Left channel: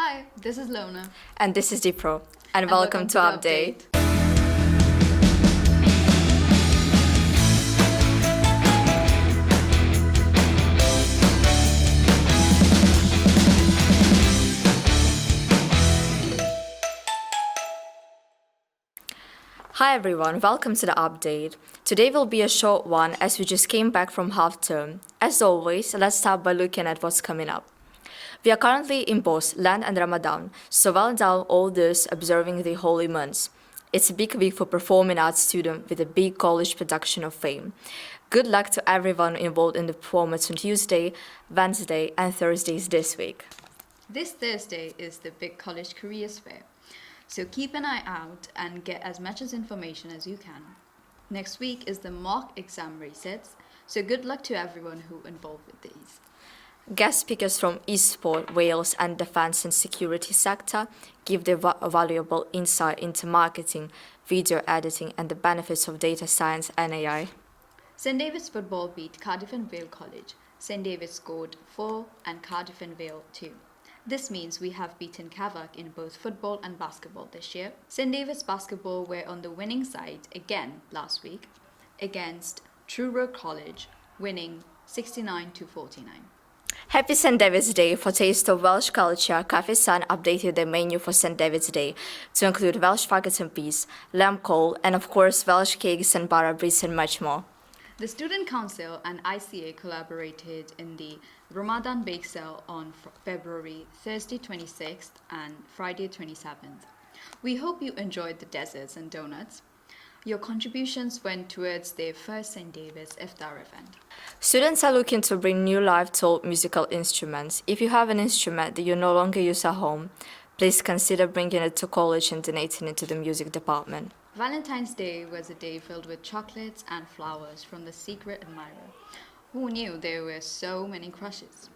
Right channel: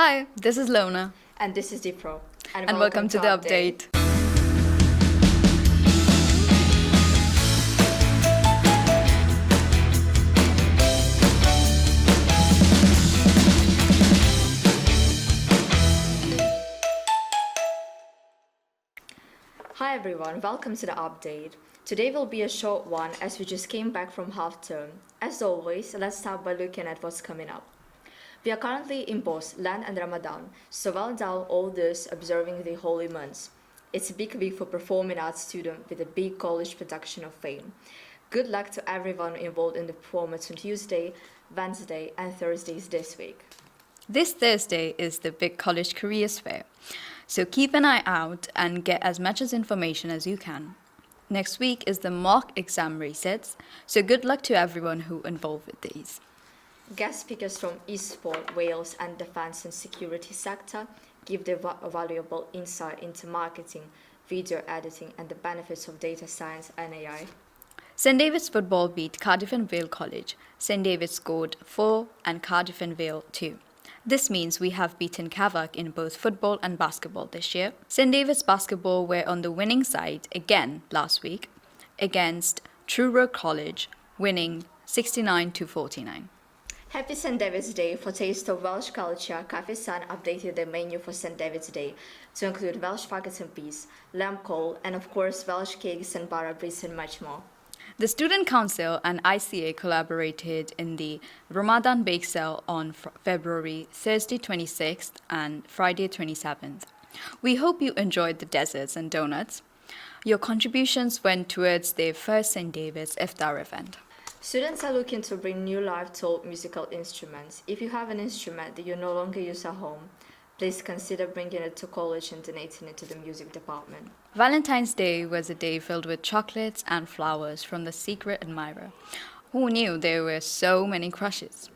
Hi, this is Lona. And this is Dipro. And welcome to the update. Hi everyone, welcome to the update. Today will be a short one as we just came back from half term. As always, let's start by looking at what's coming up. We are currently in both Lent and Ramadan, so well done all those observing the holy months. It's a big week for performing arts students with a big college production of fame. Good luck to everyone involved in the performance on Tuesday, Wednesday and Thursdays this week. This Thursday is the big college careers fair, so keep an eye out and get as much as information as you can. Next week is the mock exam resets, so good luck to everyone who involved with these. Guest speakers from eSport, Wales and defence and security sector give their valuable insight into marketing, video editing and the benefits of data science and AI. St David's football beat Cardiff and Vale College. St David's scored 4 and Cardiff and Vale 2. This means we have beaten Cavac in both football and basketball this year. St David's basketball were on the winning side again last week against Truro College, winning 69-49. Happy St David's Day. For taste of Welsh culture, Cafe Sun updated their menu for St David's Day to include Welsh faggots and peas, lamb coal, and of course Welsh cakes and bara breads and much more. The Student Council and ICA collaborated in the Ramadan Bake Sale on February Thursday 26th and Friday 27th. We hope you enjoyed the desserts and donuts. Your contributions went towards their first St. David's Iftar event. Students are looking to bring new live-taught musical instruments. If you have an instrument that you no longer use at home, please consider bringing it to college and donating it to the music department. Valentine's Day was a day filled with chocolates and flowers from the secret admirer. Who knew there were so many crushes?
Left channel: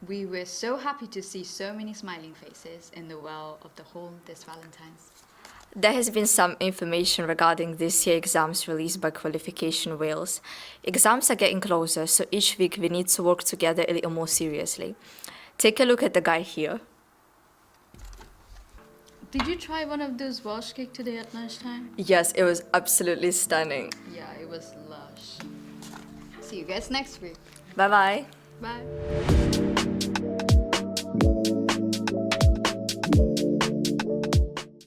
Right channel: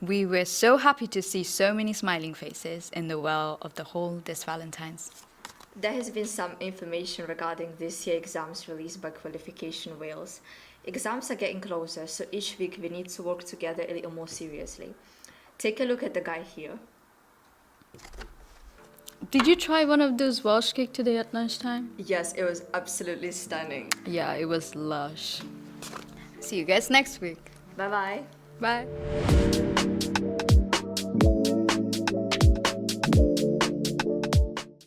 We were so happy to see so many smiling faces in the well of the hall this Valentine's. There has been some information regarding this year's exams released by Qualification Wales. Exams are getting closer, so each week we need to work together a little more seriously. Take a look at the guy here. Did you try one of those Welsh cake today at lunchtime? Yes, it was absolutely stunning. Yeah, it was lush. See you guys next week. Bye-bye. Bye.